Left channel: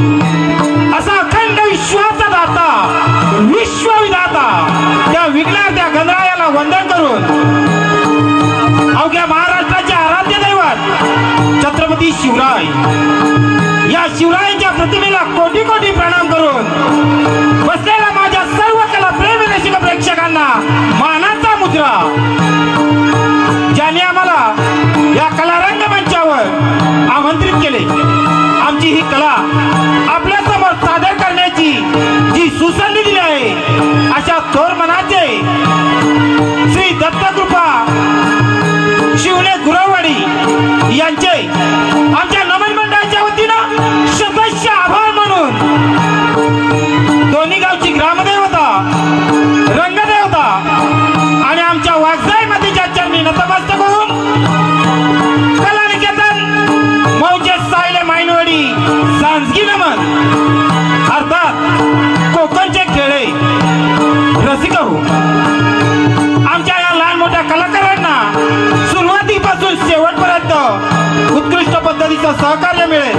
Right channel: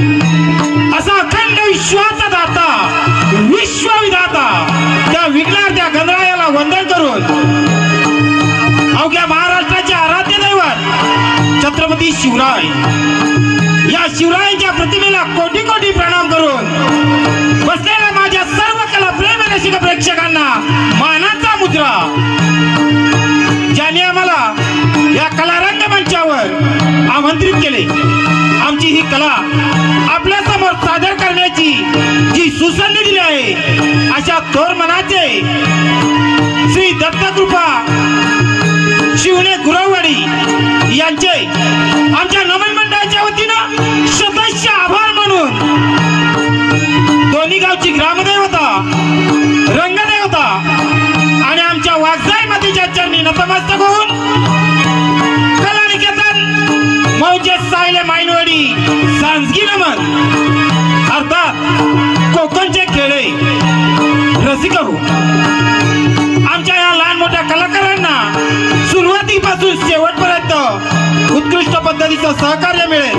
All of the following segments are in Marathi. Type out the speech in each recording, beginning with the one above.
असा अखंड विश्वाचा दाता विश्वविधाता त्या विघ्नार्थ्या गणरायाला वंदन करून अवघ्या महाराष्ट्राचे आराध्य दैवत छत्रपती शिवराय या शिवरायांच्या प्रतिमेला कोटी कोटी प्रणाम करून बसलेल्या माझ्या सर्व कला प्रेमी रसिक प्रेक्षकांना मानाचा मुद्रा ज्यांनी आम्हाला या कला रंगमंचावर आमंत्रित केले, आमची ही कला आपल्या समोर सादर करण्याची जी सुसंधी दिली आहे अशा थोर मनाचे श्री दत्तकृपा शिवणे गुरववाडी यांचे आमच्या नमन मंडळाच्या वतीनं शतश आभार मानून दोन्ही गावची ग्रामदेवता रंगदेवता आणि आमच्या वाघजाई नदीच्या चरणी नतमस्तक होऊन कलानिकेतन मौजे सायले मायनवाडी सांजगी नमन अर्थात कोकणचे खेळे रसिक हो आमच्या या लहान मोठ्या कलाकारांना सुरुवातीपासून शेवटपर्यंत उत्कृष्ट पद्धतीचं सहकार्य मिळेल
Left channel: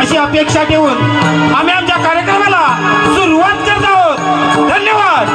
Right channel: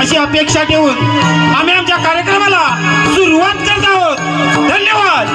अशी अपेक्षा ठेवून आम्ही आमच्या कार्यक्रमाला सुरुवात करत आहोत। धन्यवाद।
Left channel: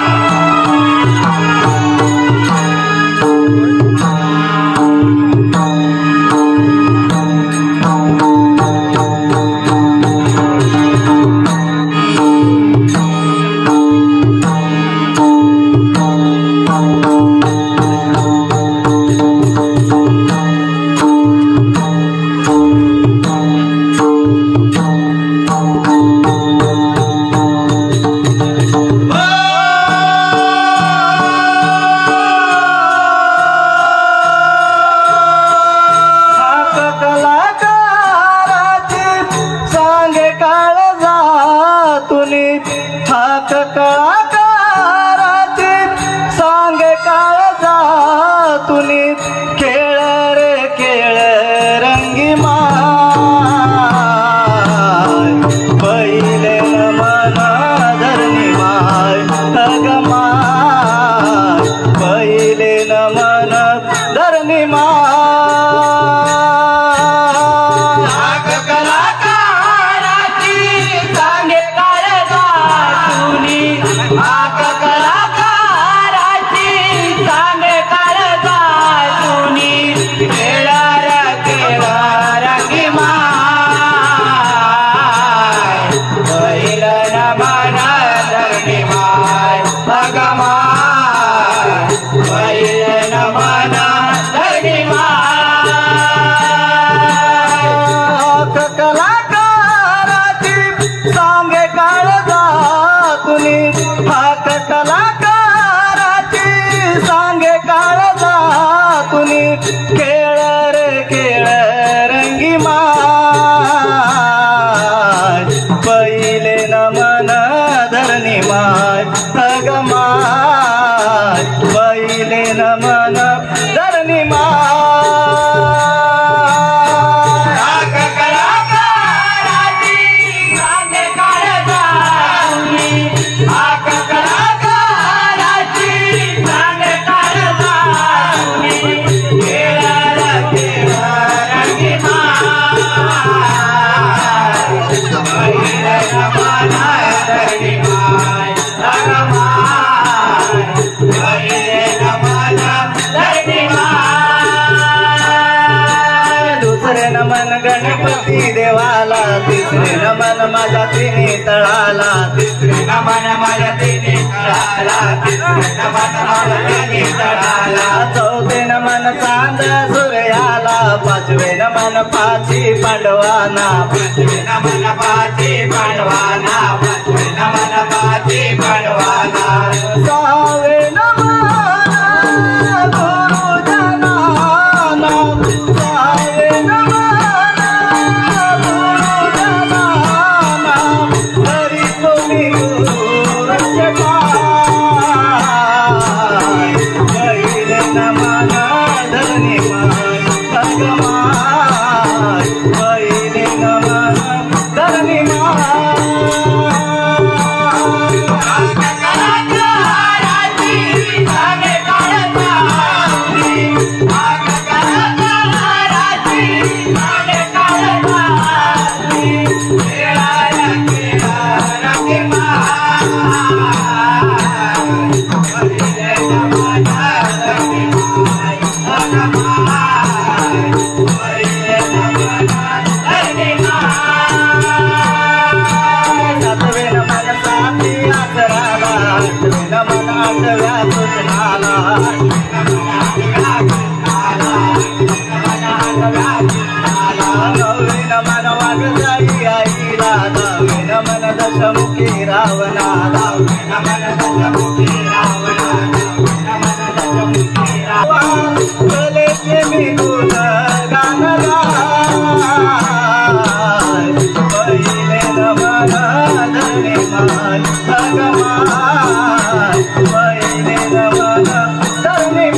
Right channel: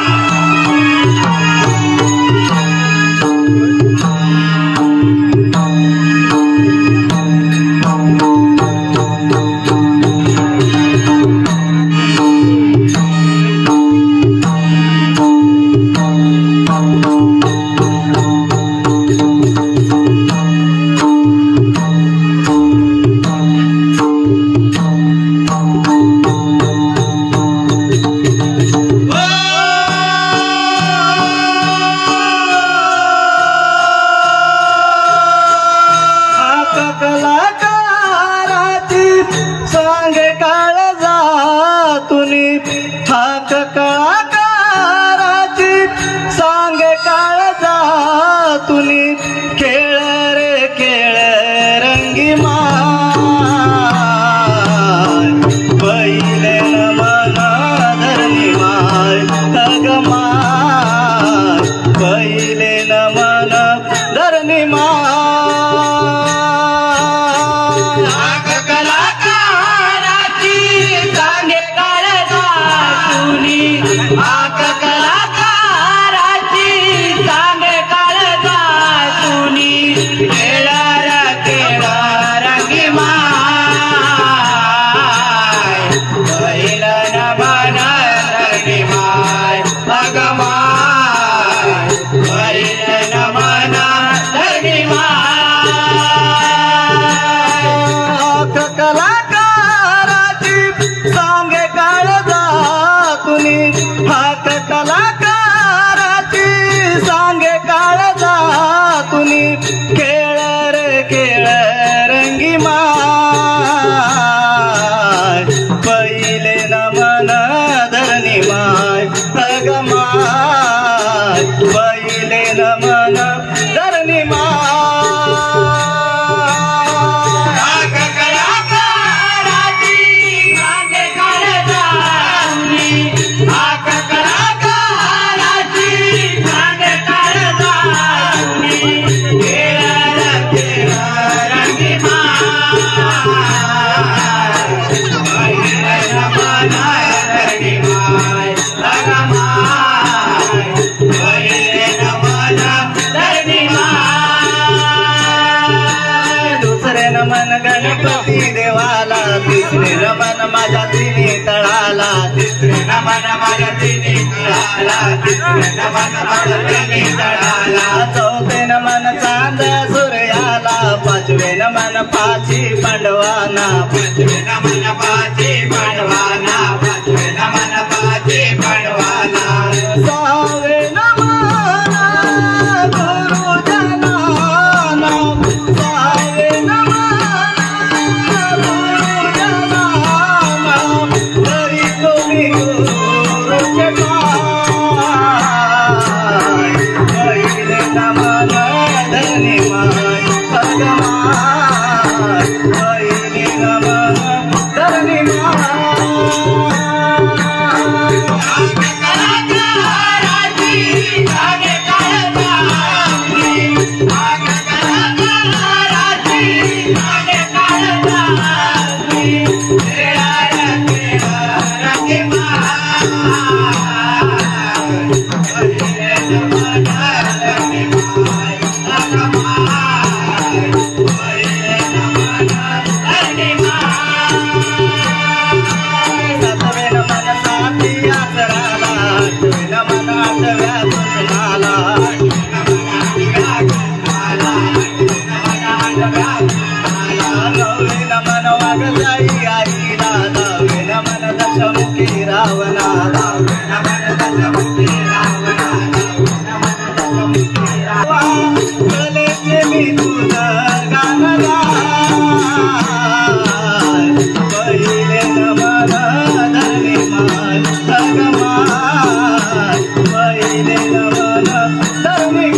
चौथे नमन चांद सूर्याला, पाचवे नमन पाची पांडवाना, पाचवे नमन पाची पांडवाना, पाचवे नमन पाची पांडवाना, सहावे नमन गुरुजनाना, सहावे नमन गुरुजनाना, हरी तुम्ही गुरुचे Yeah. रावणा रावण मन दशमुखी रावणा रावण मन दशमुखी रावण भलेचे मी तुझं गाण गाय पहिले नमन धरणी मान अगमान पहिले नमन धरणी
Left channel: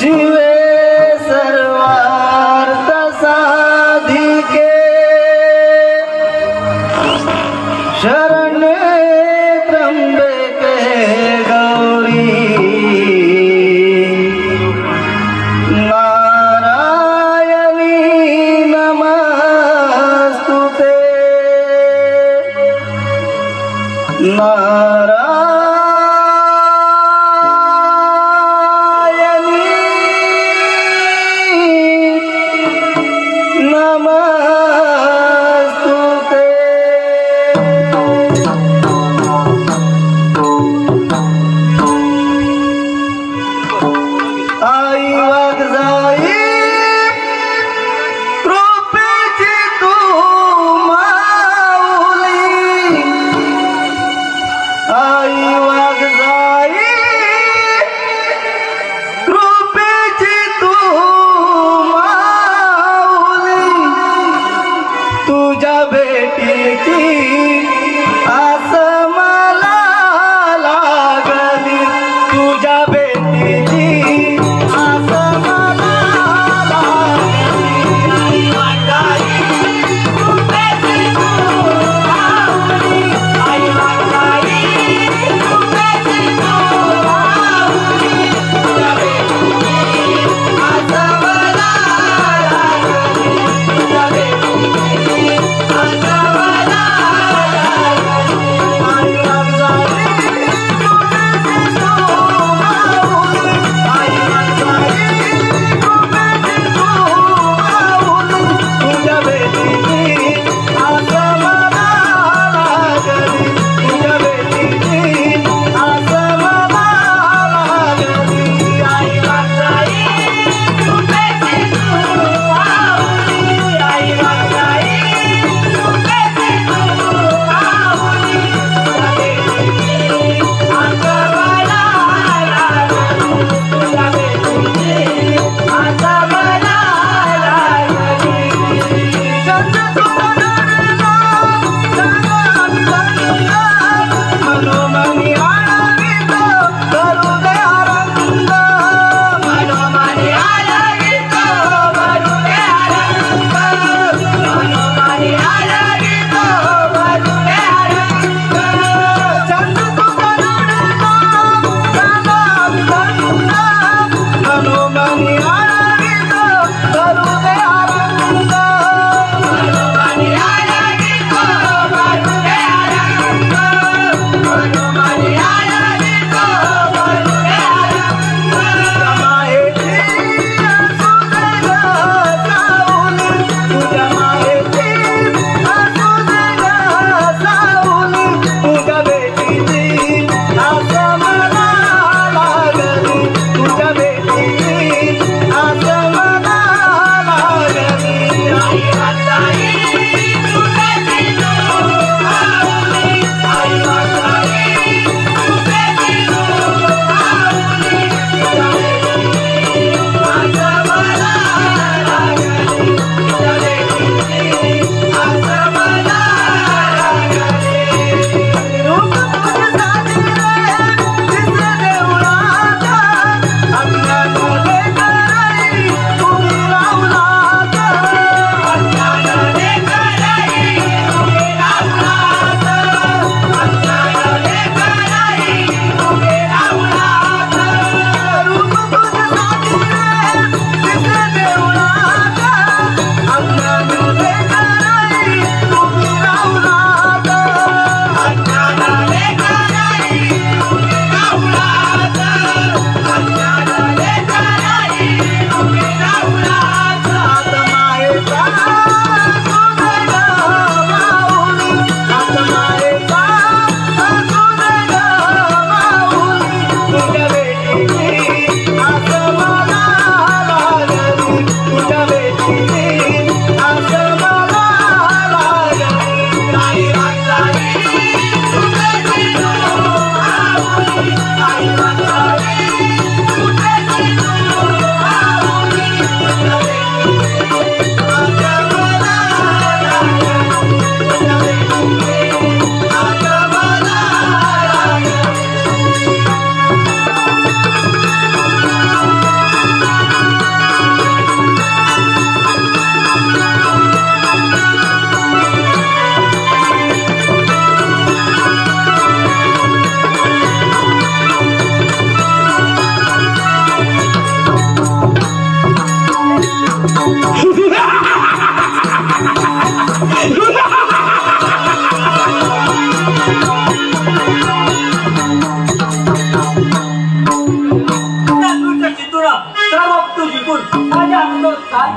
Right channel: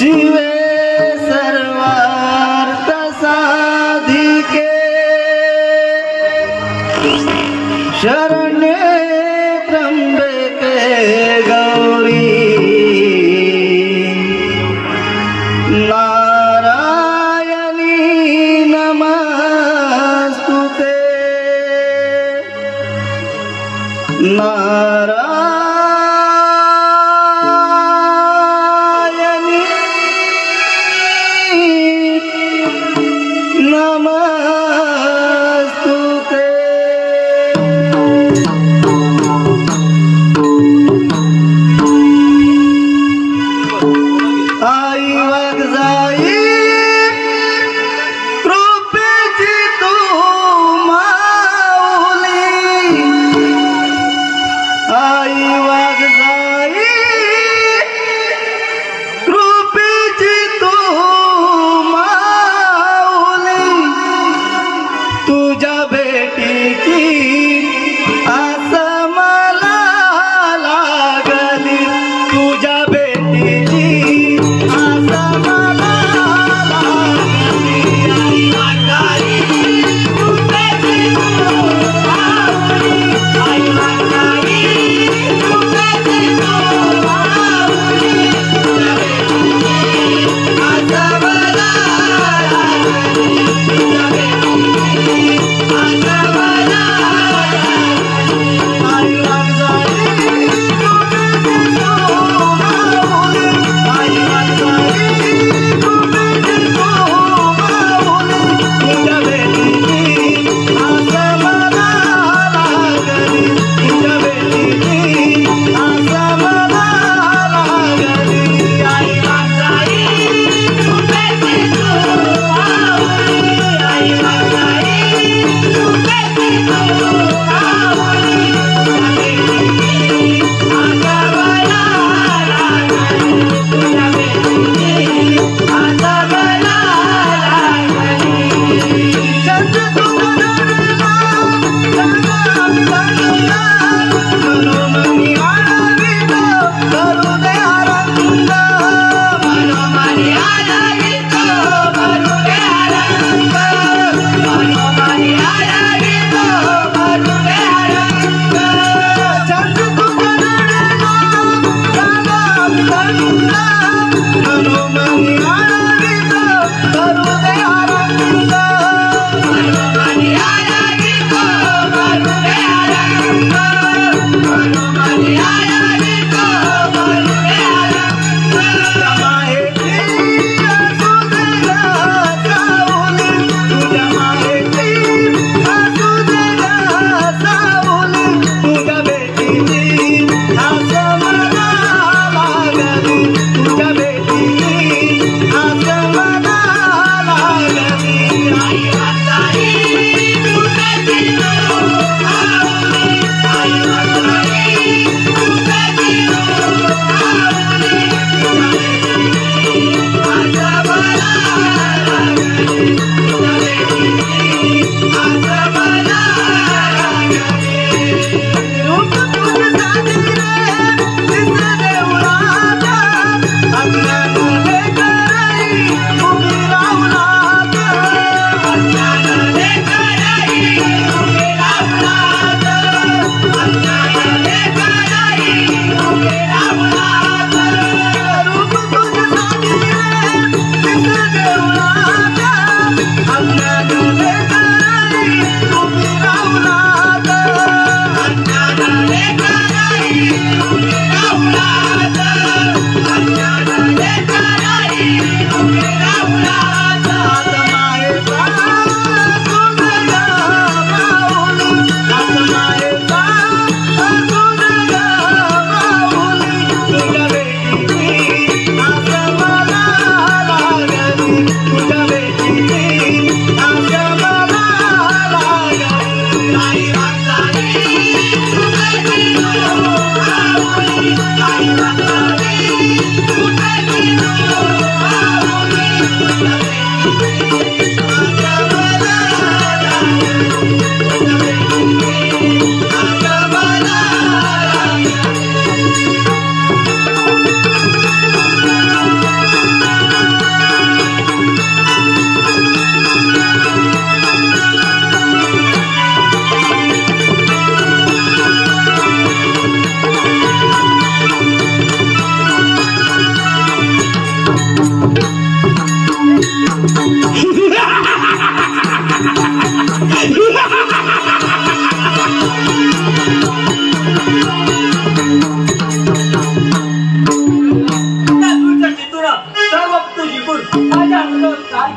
शिवे सर्वार्थ साधिके शरण्ये त्र्यंबके गौरी नारायणी नमस्तुते नारायणी नमस्तुते आई वागजाई कृपेची तू माऊली आई वागजाई कृपेची तू माऊली तुझ्या भेटीची आस मला लागली तुझ्या भेटीची आस मला लागली आई वागजाई कृपेची तू माऊली आई वागजाई I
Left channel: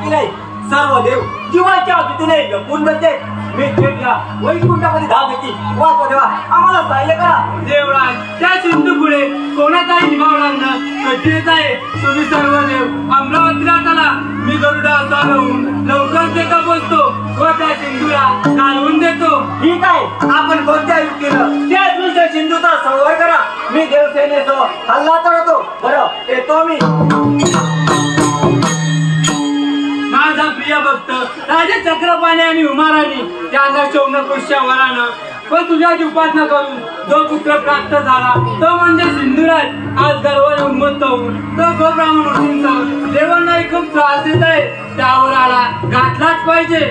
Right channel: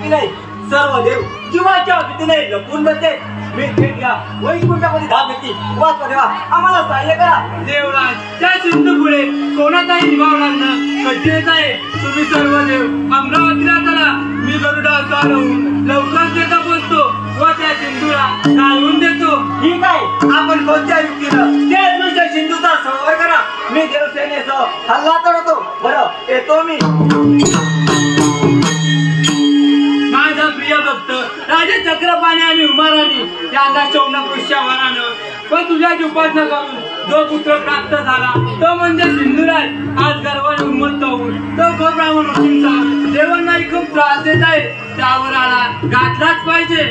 की नाही सर्व देव जीवाच्या भीतीने लपून बसले. मी थेट या वैकुंठामध्ये धाव घेतली. वाचवा देवा आम्हाला सहाय्य करा. देवराज त्या सिंधू पुढे कोणाचाही निभावणार न कठीणच आहे. तुम्ही सर्व देव अमरावतीला चला. मी गरुडा स्वार होऊन लवकर तेथे पोहोचतो व त्या सिंधूला घालवून देतो. ठीक आहे. आपण कोणत्या युक्तीनं त्या दुष्ट सिंधूचा संहार करा. मी देवसेनेसह हल्ला चढवतो. बरं येतो मी. माझा प्रिय भक्त राजे चक्रपाणी आणि उमाराणी यांना शौनकृष्य वरानं व तुझ्याची उपासना करून जो पुत्र प्राप्त झाला तो म्हणजे सिंधुराज. आज गर्वाने उन्मत्त होऊन तो गोब्राह्मण ऋषींचा देवांनाही खूप त्रास देत आहे. त्यावर आला घातलाच पाहिजे.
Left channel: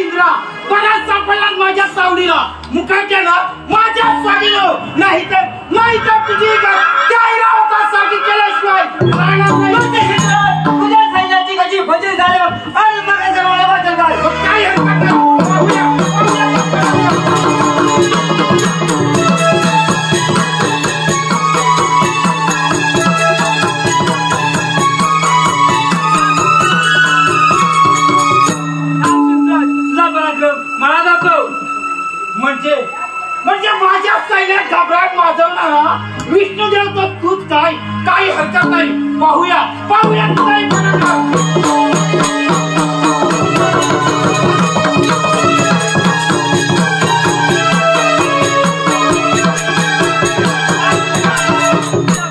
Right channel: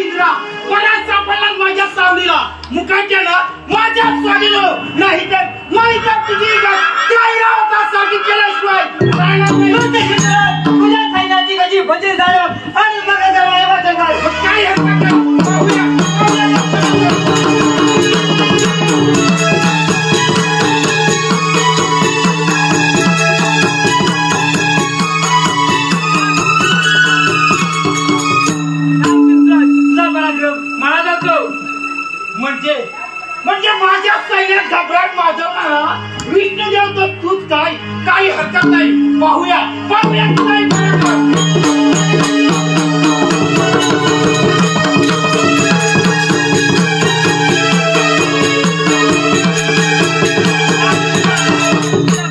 इंद्रा बराच सापडला माझ्या सावलीला. मुखाच्या ना माझ्या स्वामीनं नाही तर तुझी त्यासाठी केल्याशिवाय तुझ्या सैन्याची गजी भजी झालं आणि बघायचं मला वाचन काय काय हरकत नाही. पाहूया. मला दाखव. म्हणजे माझ्या सैन्यात घाबराट माजवणारा विष्णुदेव तो तूच काय. काही हरकत नाही. पाहूया तुझा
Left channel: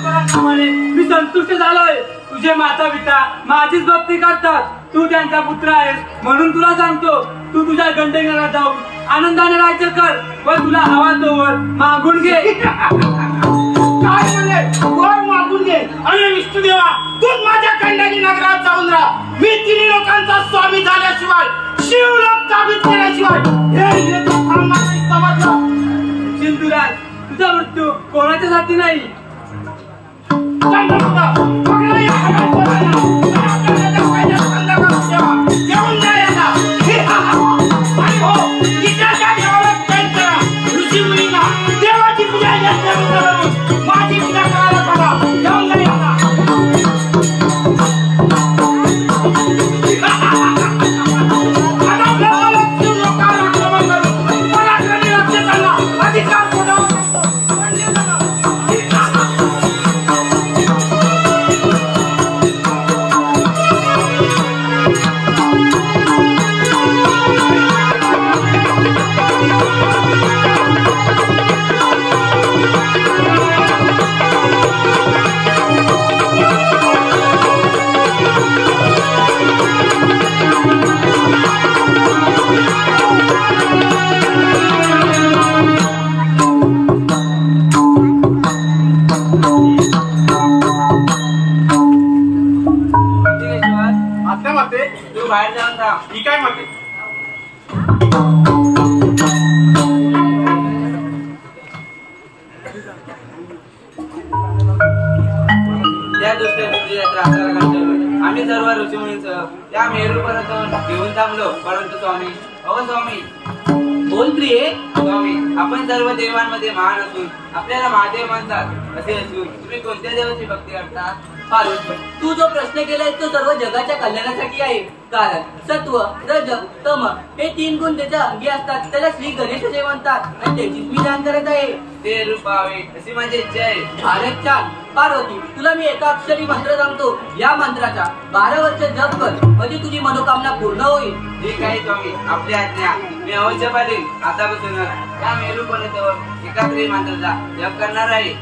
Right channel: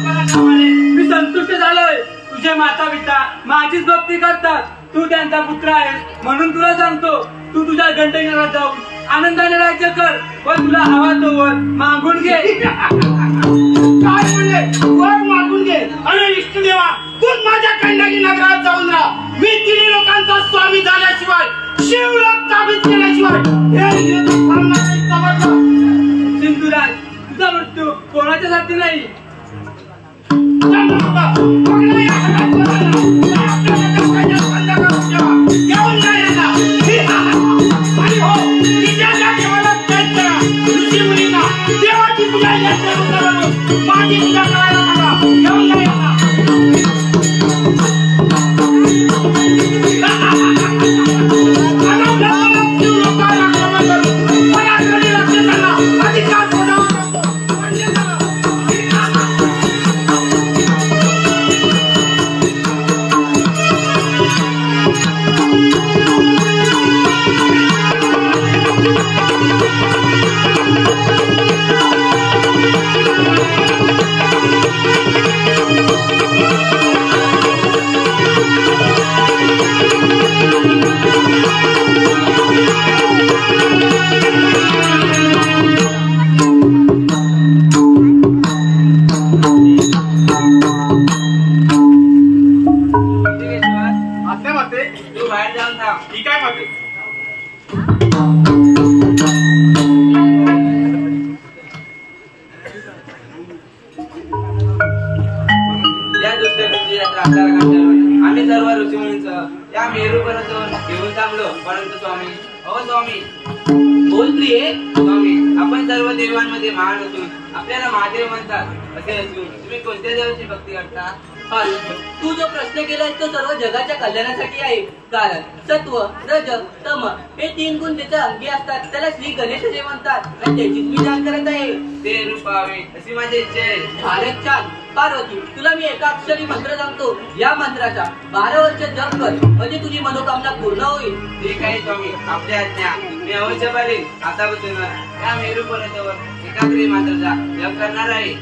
मी संतुष्ट झालोय. तुझे माता पिता माझीच भक्ती करतात. तू त्यांचा पुत्र आहेस म्हणून तुला सांगतो तू तुझ्या गंडण्याला जाऊन आनंदाने राज्य कर व तुला हवा तो वर मागून घे. काय म्हणजे वर मागून घे. अरे विष्णुदेवा तूच माझ्या खंडानी नगरात जाऊन राहा. मी तिन्ही लोकांचा स्वामी झाल्याशिवाय शिवलोक ताबीत केल्याशिवाय हे युद्ध थांबणार नाही. समजलं. सिंधुराज तुझा मृत्यू कोणाच्यासाठी नाही. माझी पूजा करायला सांगा. येऊन जा यांना. अधिकार ही काय मते? या दुसऱ्या यात्रा आम्ही सर्व ऋषीमुनींसह त्या मेरूपर्यंत येऊन थांबलो. परंतु स्वामी स्वामी बोल प्रिये. स्वामी आपण सर्व देवांमध्ये महान असून आपल्याला महादेव म्हणतात असे असून तुम्ही कोणत्या देवाची भक्ती करता? पार्वती, तू जो प्रश्न केलाय तो सर्व जगाच्या कल्याणासाठी आहे. कारण सत्व, रज, तम हे 3 गुण त्याच्या अंगी असतात. त्याला श्री गणेश असे म्हणतात आणि त्याचीच मी ध्यान करत आहे. ते रूप पाहावे अशी माझी इच्छा आहे. फारच छान. पार्वती, तुला मी एका अक्षरी मंत्र सांगतो. या मंत्राचा 12 वर्ष जप कर, म्हणजे तुझी मनोकामना पूर्ण होईल. ठीक आहे स्वामी, आपली आज्ञा. मी अवश्य पाहिजे. आतापासून या मेरू पर्वतावर एकाग्री मंत्राचा जप करणार आहे.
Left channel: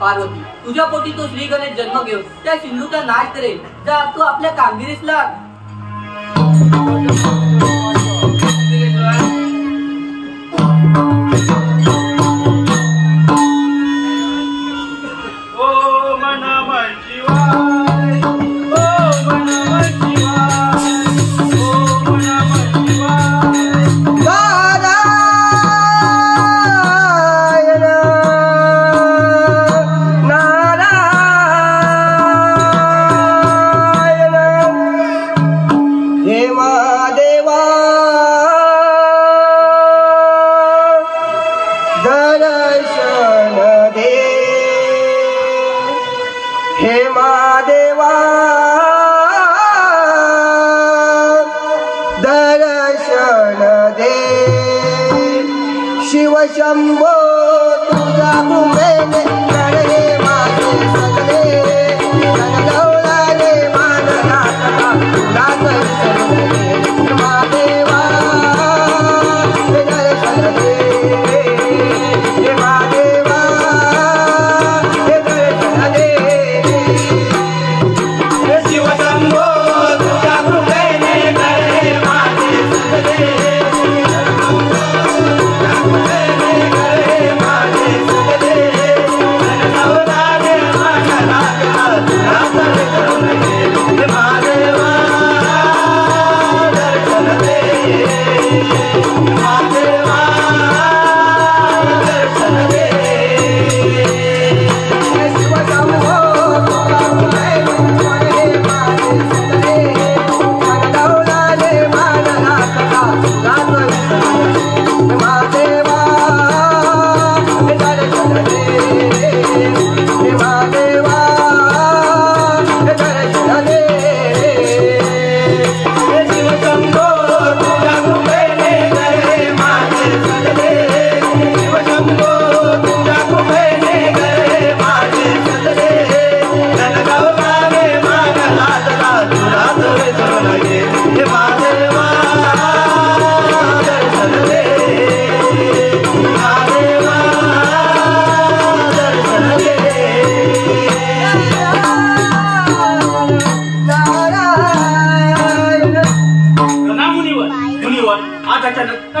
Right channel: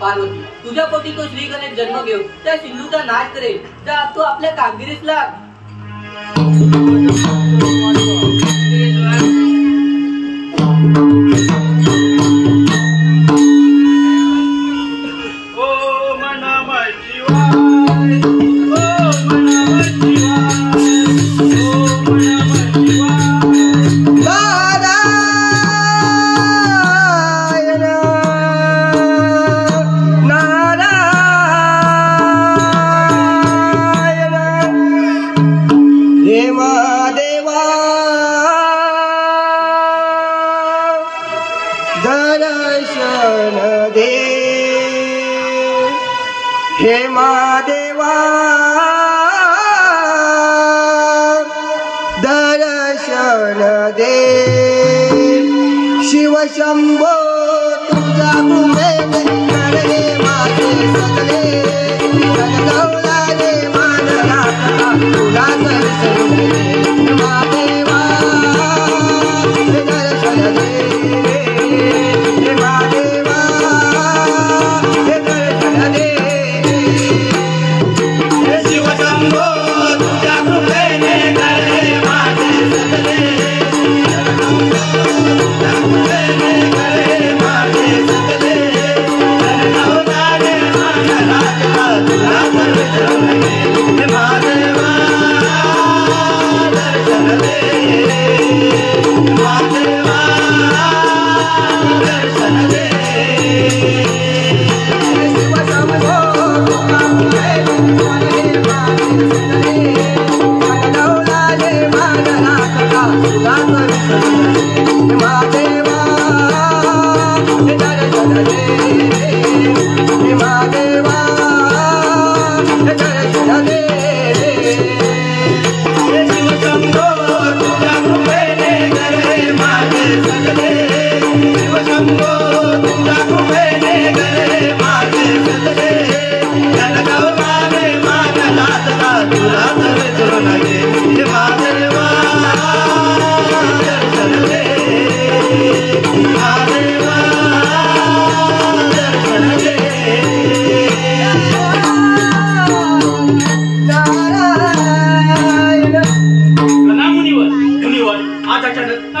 पार्वती, तुझ्या पोटी तो श्री गणेश जन्म घेऊन त्या सिंधूचा नाश करेल. जा, तू आपल्या कामगिरीस लाग.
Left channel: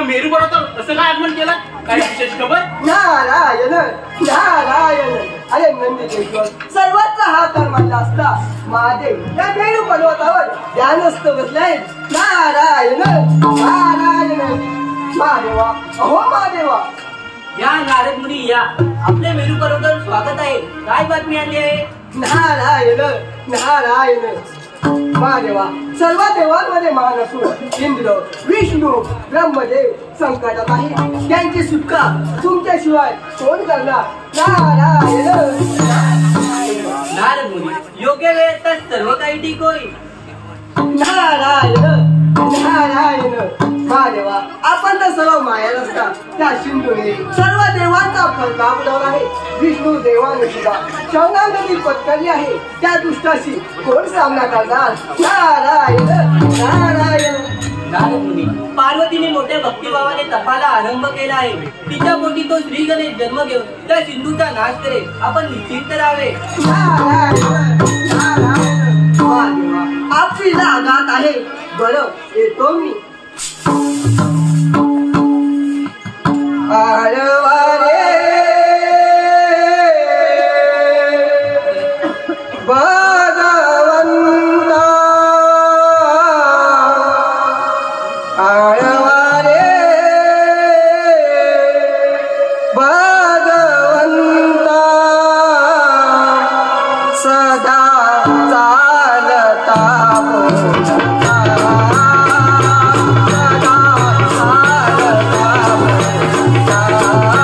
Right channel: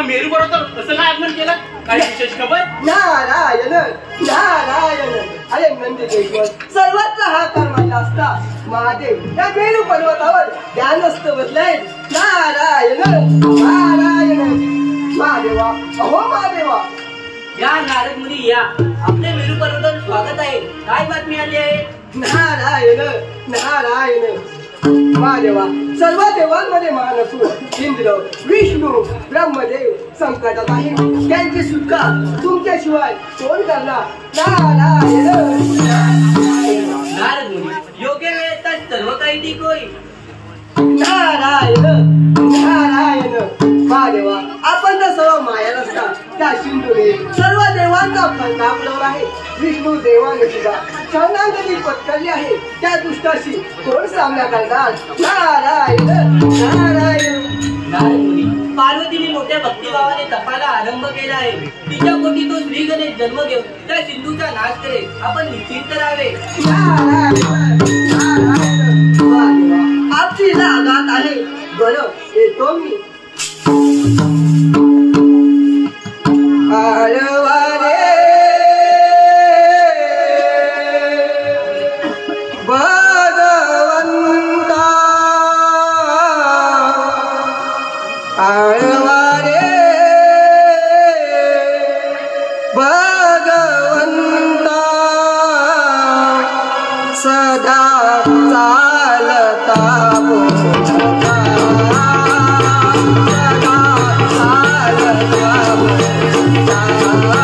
मेरू पर्वतावर कसं काय आगमन केलं? काही विशेष खबर? नारायण नारायण. अरे नंदिकेश्वर, सर्वांचा हा तर मानला असता महादेव या मेरू पर्वतावर ध्यानस्थ बसलाय. नारायण नारायण. महादेवा, अहो महादेवा. या नारद मुनी या, आपले मेरू पर्वतावर स्वागत आहे. काय बातमी आली आहे? नारायण नारायण. महादेवा, सर्व देवांमध्ये मान असून इंद्र, विष्णू, ब्रह्मदेव संकटात आहे. त्यांची सुटका तुमच्याशिवाय कोण करणार? नारायण नारद मुनी, योग्य वेळ तर सर्व काही ठीक होईल. नारायण नारायण. महादेवा, आपण तर सर्व माया नसता त्या सिंधूने सर्व देवांचा फलता उडवला आहे. विष्णू देवाने सुद्धा शवनांची पत्करली आहे. त्या दुष्टाशी कोण सामना करणार? नारायण नारायण. नारद मुनी, पार्वतीने मोठ्या भक्तिभावाने तपाला आरंभ केला आहे. तिच्या पोटी तो श्री गणेश जन्म घेऊन त्या सिंधूचा नाश करेल. आपण निश्चिंत राहावे. नारायण नारायण. महादेवा, आपली लागात आहे. बरं, येतो मी. आळवारे भगवंता, आळवारे भगवंता, सदा चालता बोलता, सदा चालता बोलता.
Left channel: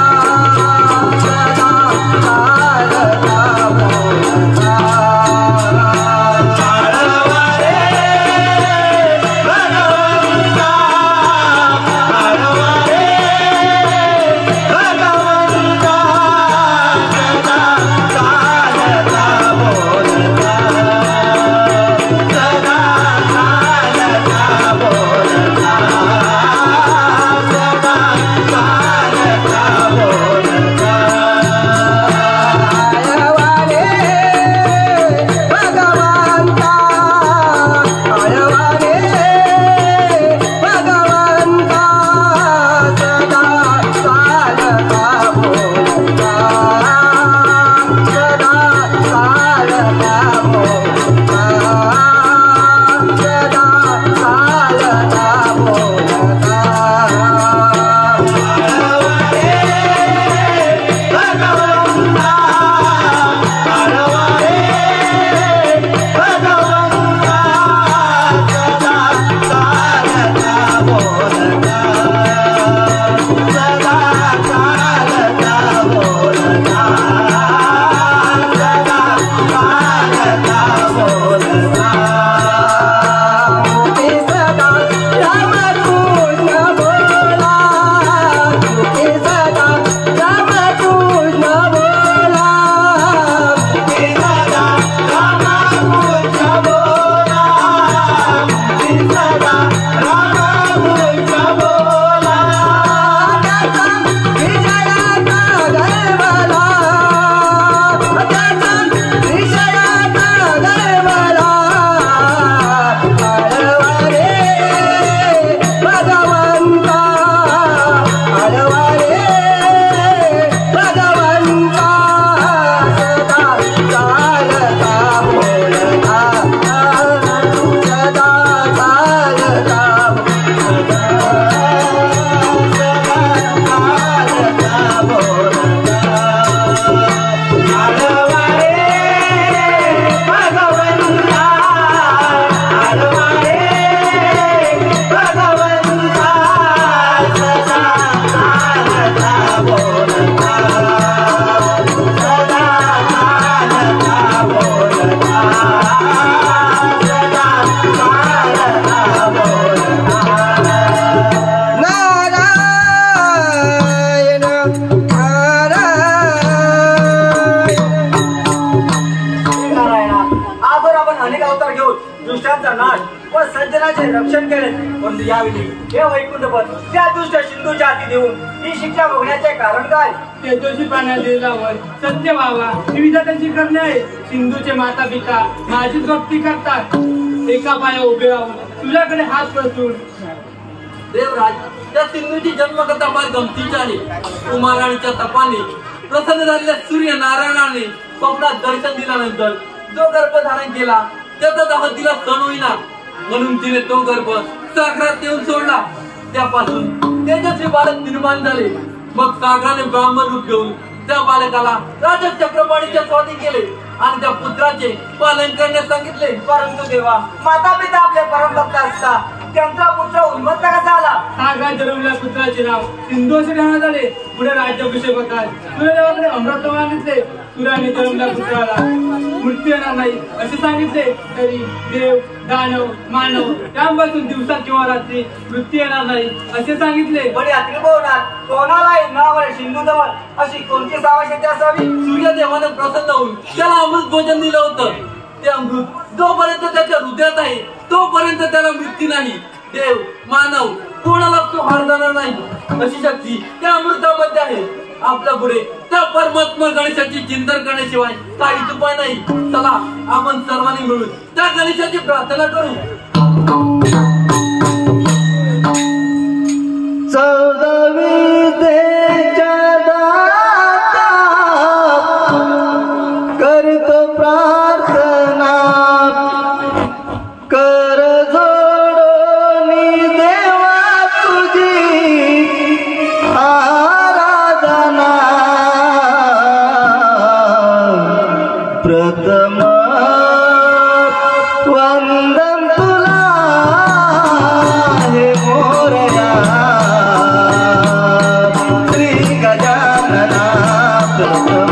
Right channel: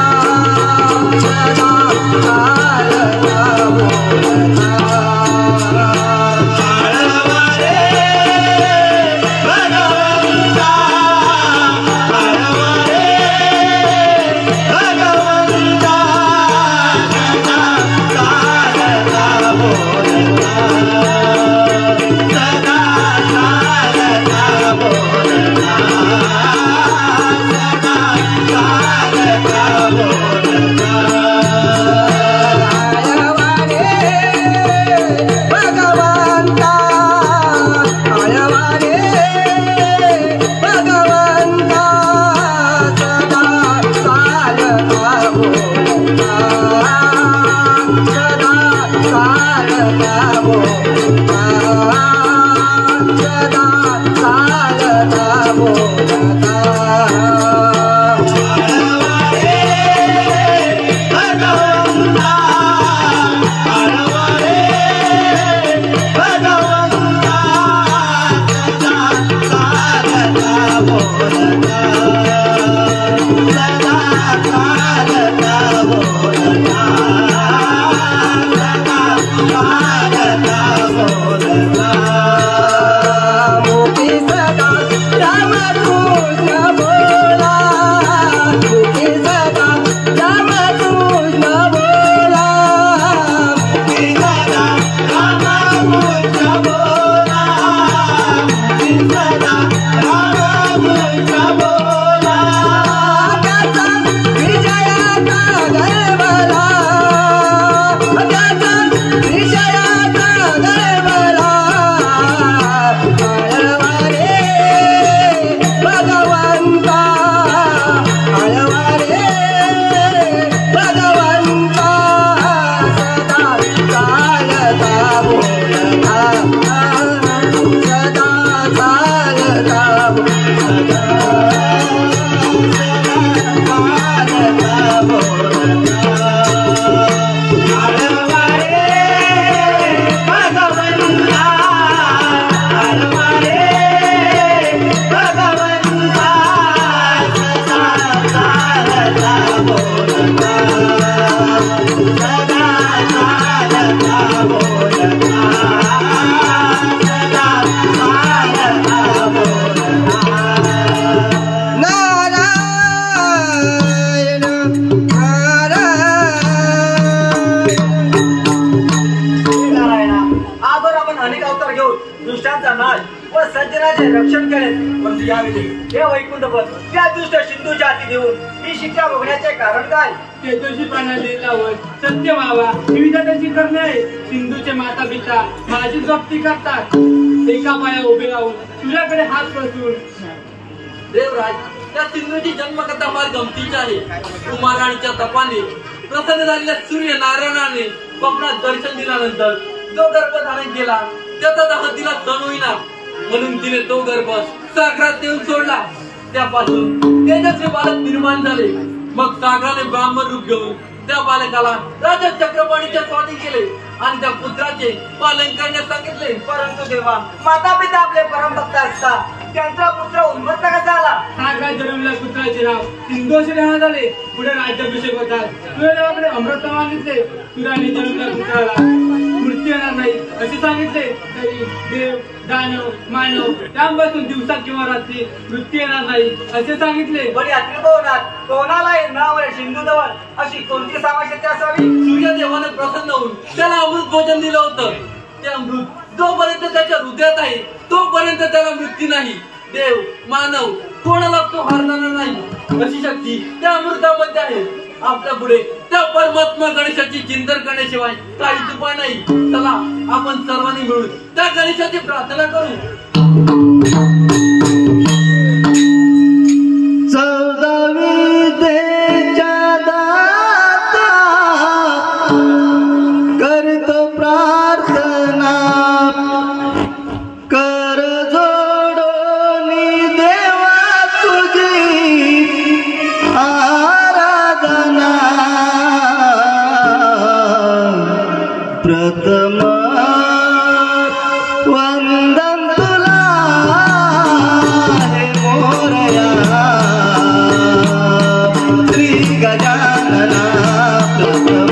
दुष्टांचा नाश व सज्जनाचे रक्षण केले, परंतु यावेळी हे वैकुंठपद त्या दुष्ट सिंधूच्या हाती देऊन ही शिक्षा भोगण्याचे कारण काय? तेजोशी पाण्याला वर सत्य व्हावा ही विधात्याची करणे आहे. सिंधूचे माता पिता माझीच भक्ती करतात. एका पाया उभे राहून तुझ्याकडे हात पसरून देवराज, त्या सिंधूची जन्मकथा फार गमतीची आहे. कुमाराणीच्या तपाने प्रसन्न झालेल्या सूर्य नारायणाने स्वप्नात दर्शन दिल्यानंतर जो गर्भ धारण केला त्याचा दाह तिला सण होईना, म्हणून तिने तो गर्भ सागरात येऊन सोडला. त्यापासून तेजस्वी बालक निर्माण झाले. मग सागराने ब्राह्मण रूप घेऊन त्या बालकाला राजा चक्रपाणीच्या स्वाधीन केले आणि त्या पुत्राचे पालन करण्यास सांगितले. परंतु देवा, माता पिता आपले परमभक्त असतात, त्यांचा पुत्र उन्मत्त कसा आला? सागरात जन्मलेल्या पुत्राचे नाव सिंधू असे ठेवण्यात आले. पुढे राज्याभिषेक होतात. सूर्यदेवाकडे अमृत मागितले. सूर्याने जन्मलेल्या पुत्राला मृत्यू येणार नाही असे सांगितले, तरी देव दानव मानव त्यापासून दिवसात किंवा रात्री मृत्यू येणार नाही असे सांगितले. पण या त्रिभुवनात कोणाला नावाने सिंधूजवळ अशी कोणती सावश्यकता असावी? सूर्यदेवाने प्रसन्न होऊन त्याला अमृत भोजन दिलं होतं. ते अमृत जोपर्यंत त्याच्या हृदयात आहे तोपर्यंत त्याला मृत्यू नाही. देव मानव कोणाला तो हारणार नाही अशी शक्ती त्या अमृतामध्ये आहे. आपल्या पुढे त्या परमात्मा गणेशाची चिंतन करण्याशिवाय काहीच उपाय नाही. चला आपण सर्वांनी मिळून त्या गणेशाची प्रार्थना करू. करतो प्रार्थना कर जोडोनी देवा तुझी आराधना. प्रथम वंदन तुला हे मोरया श्री गजानना. प्रथम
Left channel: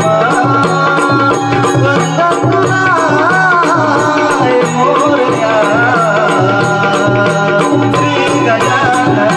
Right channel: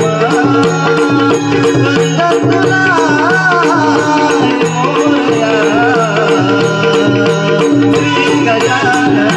वंदन तुला हे मोरया श्री गजानना.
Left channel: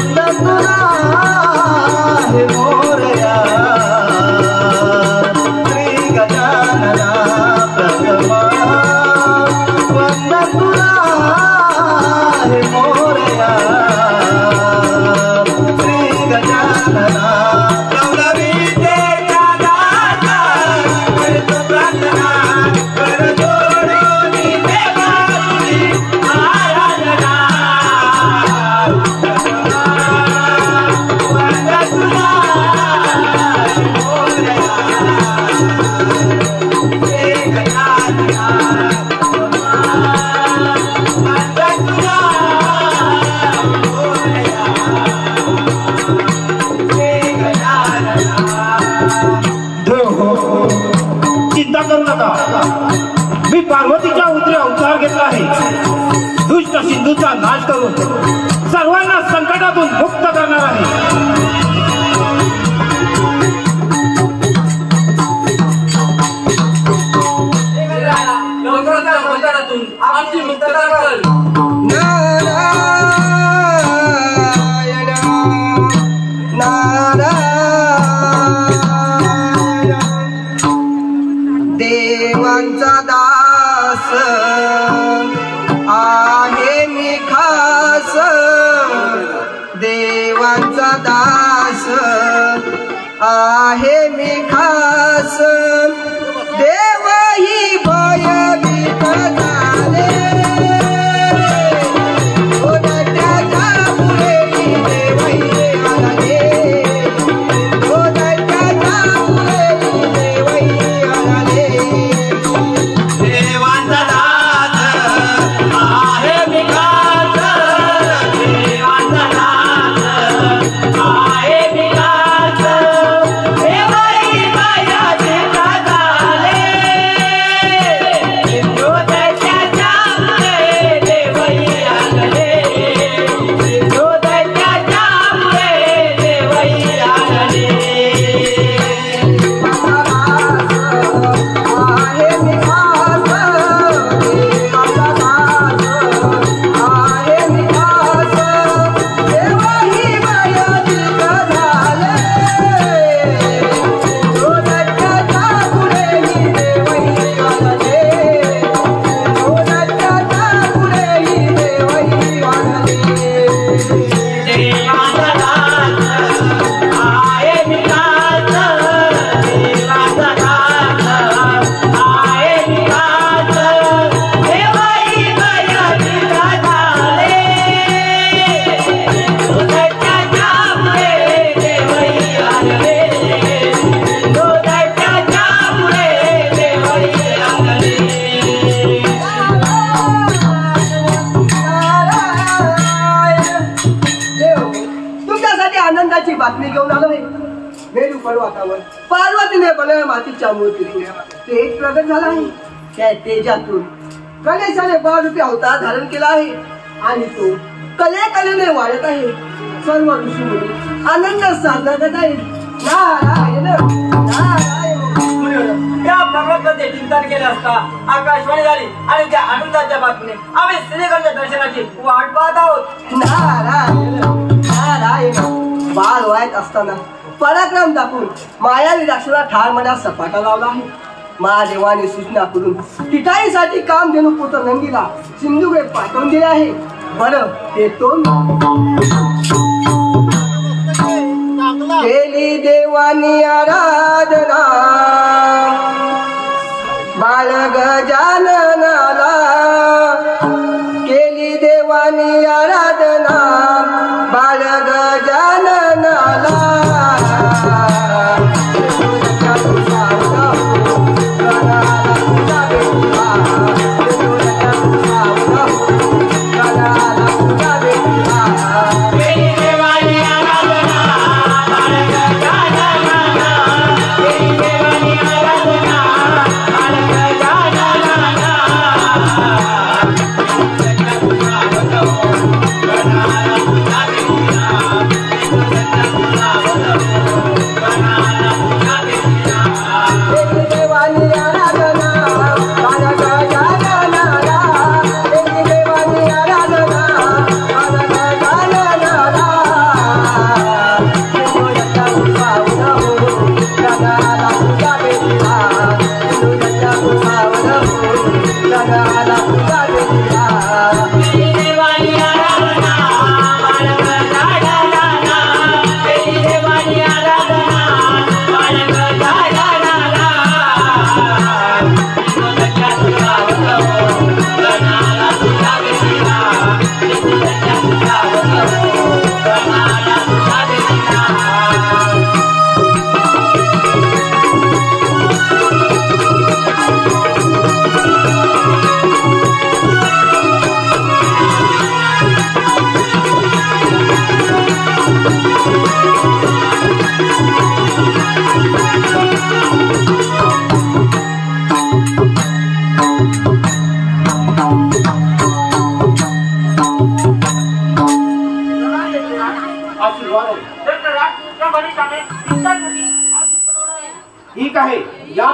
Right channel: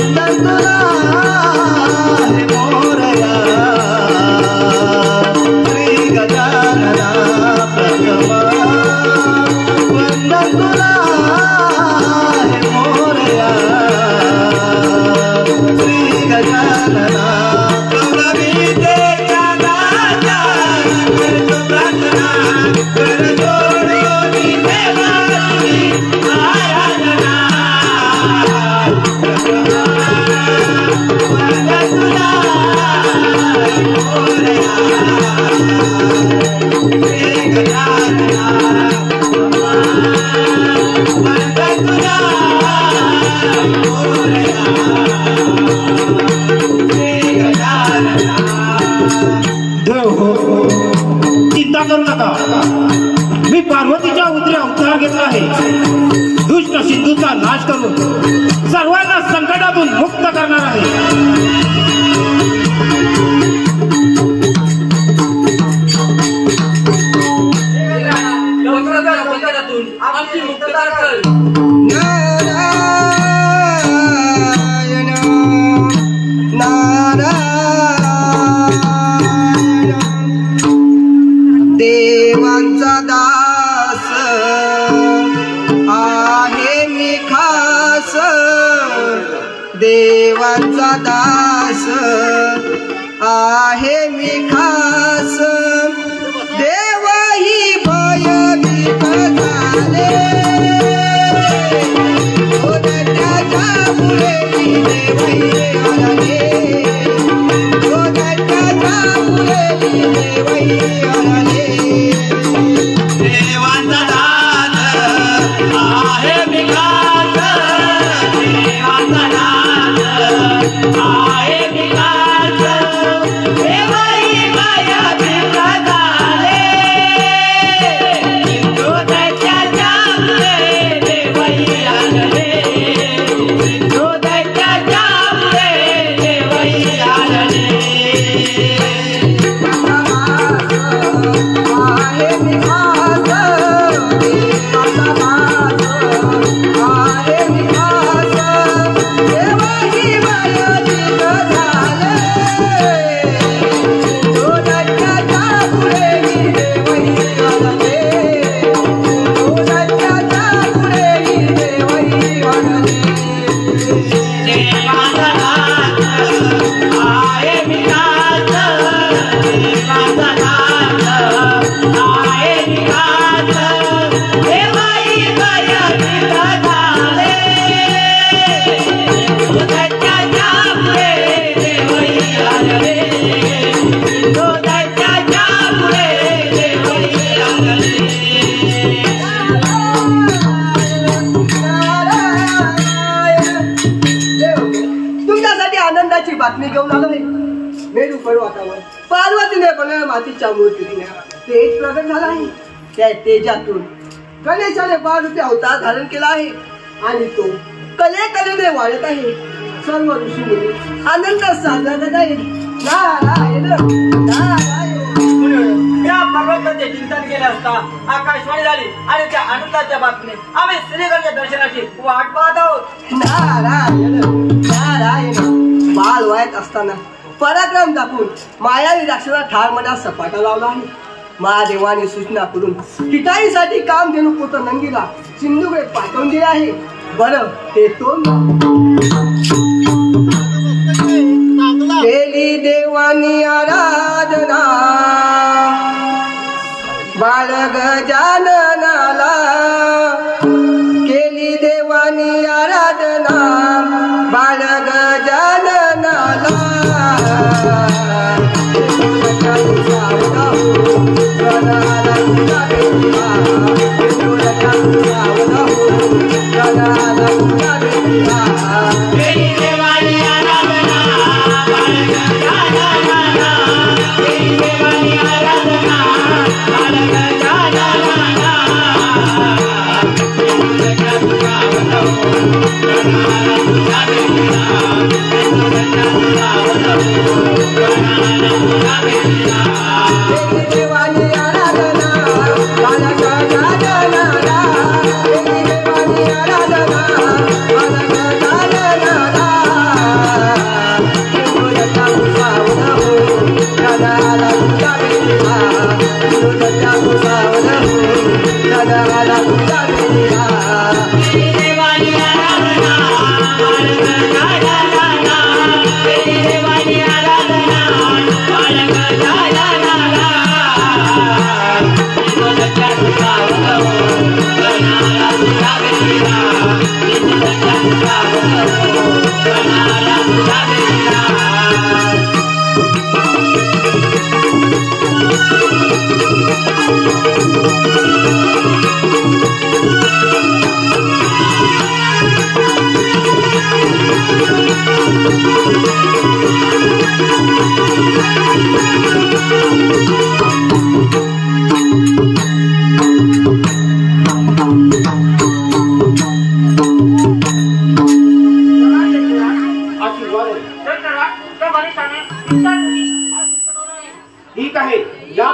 वंदन तुला हे मोरया चिंता करू नका, मी पार्वतीच्या उदरी अवतार घेतला आहे. दुष्ट सिंधूचा नाश करून सर्वांना संकटातून मुक्त करणार आहे. आमची मुक्तता कर. देवांचा दास आहे मी खास, देवांचा दास आहे मी खास. देवही भयभीत झाले, त्याच्या पुढे देवही आले, त्याच्या पुढे देवही आले. देवांचा दास आहे मी खास, देवांचा दास आहे मी खास. देवही भयभीत झाले, सिंधू दैत्याच्या पुढे देवही आले, सिंधू दैत्याच्या पुढे देवही आले. आनंदाची बातमी घेऊन आलो नाही. मेरू पर्वतावर पार्वतीने बनवलेल्या मातीच्या मूर्तीने तेज प्रगट झाला आहे. त्या तेजातून गणेशाने 12 रुपये अवतार धारण केला आहे आणि तो कलेने वाढत आहे. सर्व ऋषी मुनी आनंद साजरा करत आहे. नारायण नारायण. त्या पर्वताचे चिंतन केले असता आकाशवाणी झाली आणि त्या आनंदाच्या बातमी आम्ही श्रीगणच्या दर्शनाची वाट पाहत आहोत. नारायण नारायण. बाल वयात असताना पराक्रम दाखवून मायावी राक्षसाला ठार मनात सपाटा लावला आहे. महादेवाने सूचना करून किटाईसाठी काम देणू पुत्र नंदीला सिंधूकडे पाठवून दिले आहे. बरं ते तो केली देवानी आराधना बाळ गजाननाला, केली देवानी आराधना बाळ गजाननाला. ठीक आहे या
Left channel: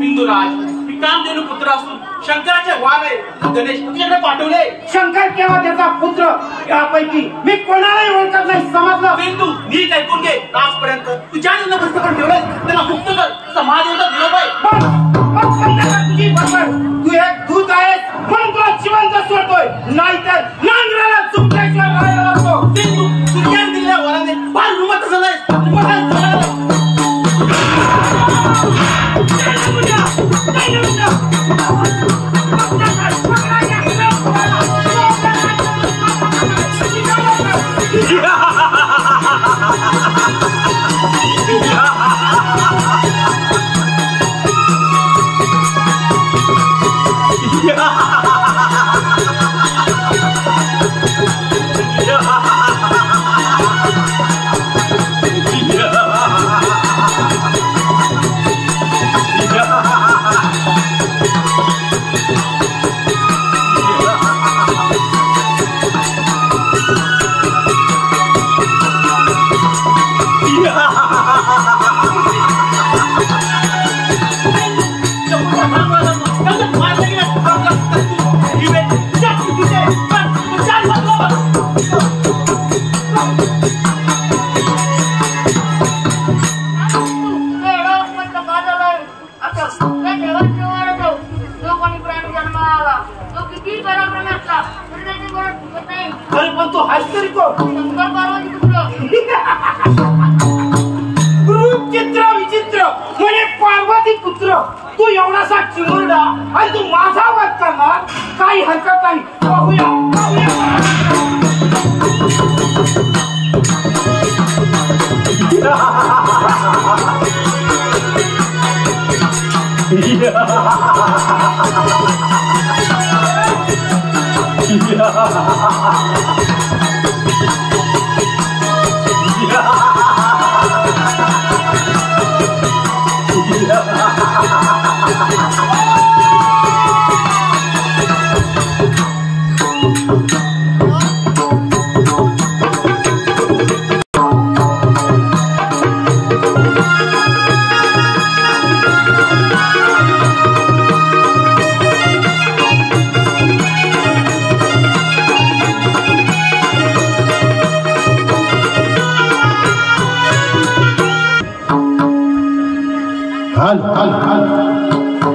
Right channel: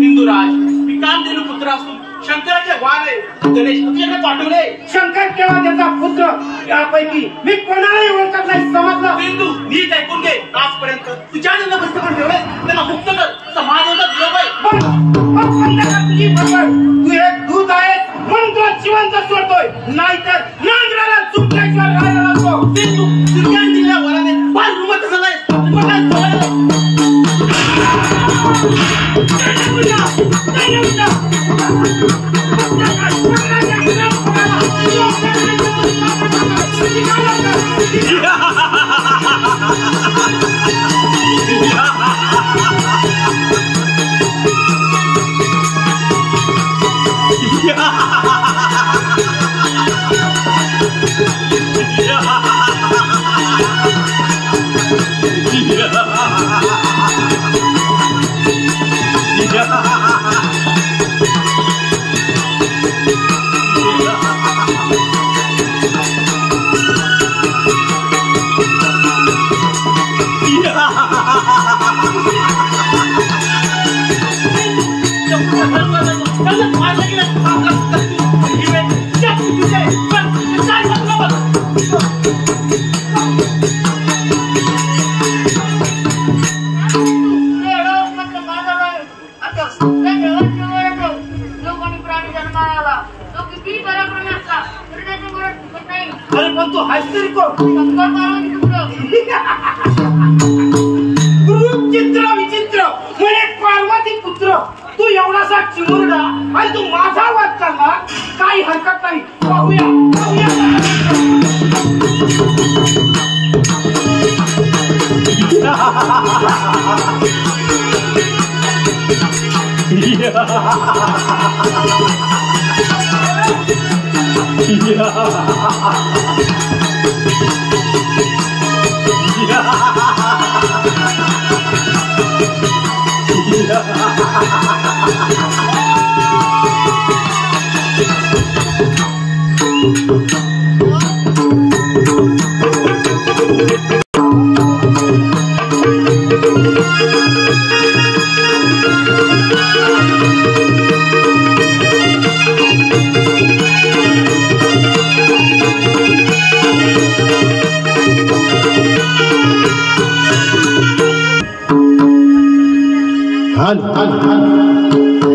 सिंधुराज मी कामधेनू पुत्र असून शंकराचे वार आहे गणेश तुझ्याकडे पाठवले. शंकर केव्हा त्याचा पुत्र यापैकी मी कोणालाही ओळखत नाही समजलं. सिंधू नीट ऐकून घे. आजपर्यंत तुझ्या ज्यांना पुस्तकात ठेवलंय त्यांना मुक्त कर. समाजाचा विलोप आहे. तुझी बरोबर तू एक दूत आहेस म्हणून तुला जिवंत सोडतोय नाहीतर नांगराला चुकल्याशिवाय राहिला नसतो. सिंधू तुझ्या दिलेल्या वराने फार हिंमत झालाय. चित्र विचित्र म्हणे पार्वती पुत्र तू एवढासा चिमुरडा आणि तू माझा वध करणार काही हरकत नाही. पाहूया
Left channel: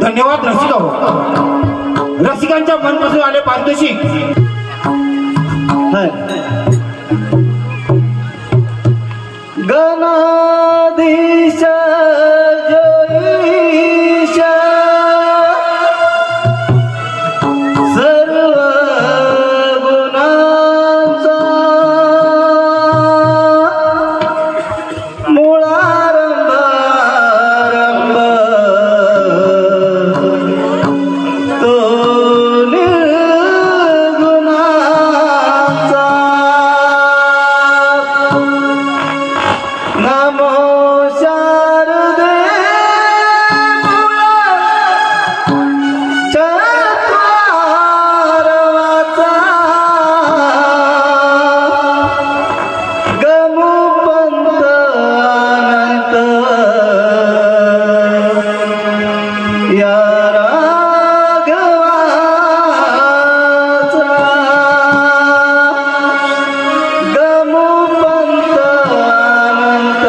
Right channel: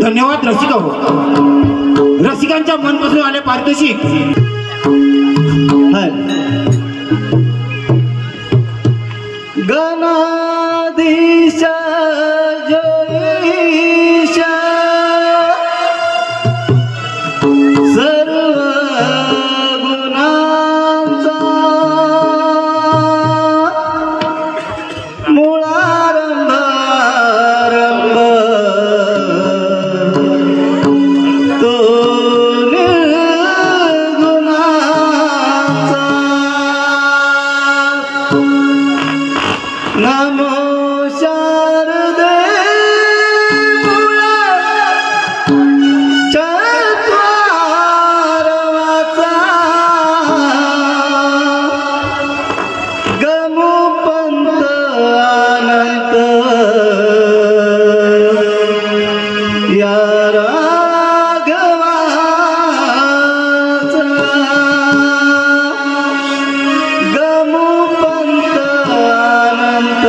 धन्यवाद रसिका हो. रसिकांच्या मनपासून आले पारितोषिक. गणाधीश जयीश सर्व गुणांचा मुळारंभ तो निर्गुणाचा नमो शारदे चत्वारवाचा गमुपंत अनंत या राघवाचा गमुपंत अनंत